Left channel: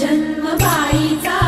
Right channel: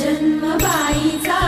जन्मपाळीचा